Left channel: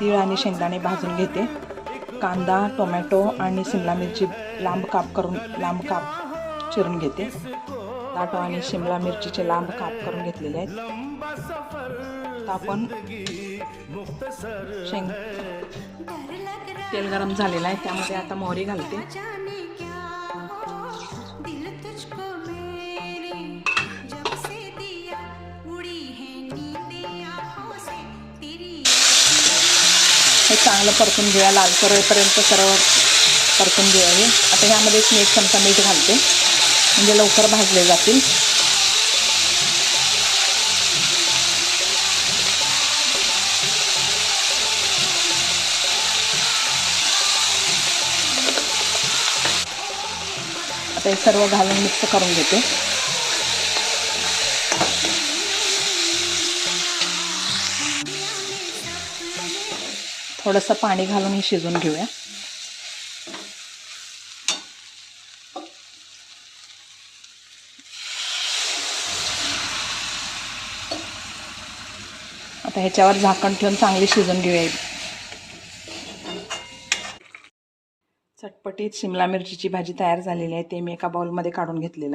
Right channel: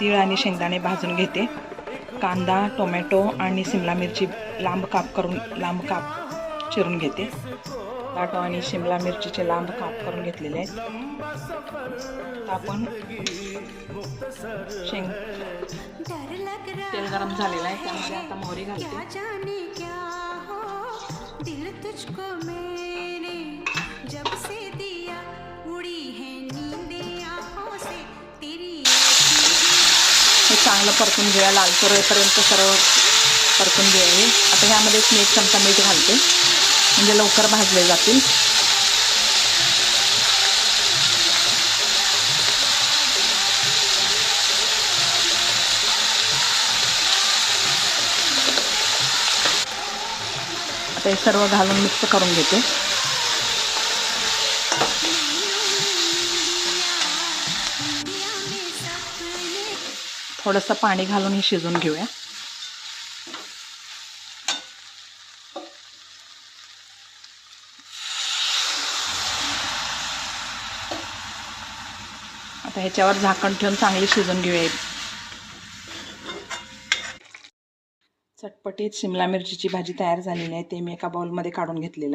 तीळ आणि शेंगदाणे भाजून घेते. कांदा, टोमॅटो आणि शिमला मिरची लांब काप चिरून घेते. टोमॅटो आणि शिमला मिरचीचे लांब काप करून घेतलेले आहेत. आपण तेल गरम झालेलं आहे, त्यामध्ये आता मोहरी घालते. हे चांगलं परतून घेऊया, लालसर होईपर्यंत सर्व परतून घ्यावे. आता ह्यामध्ये मी 1 चमचा मीठ घालते, म्हणजे लवकर भाजले जातील. आता हे सर्व घालून मिक्स करून घेते. थोडंसं पाणी घालून हे शिजवून घेऊया. आता ह्याच्यावर झाकण ठेवून चांगली शिजवून घेऊया. चटपटीत शिमला मिरचीची भाजी तयार झालेली आहे. ते मी एका बाउलमध्ये काढून घेतलेलं आहे.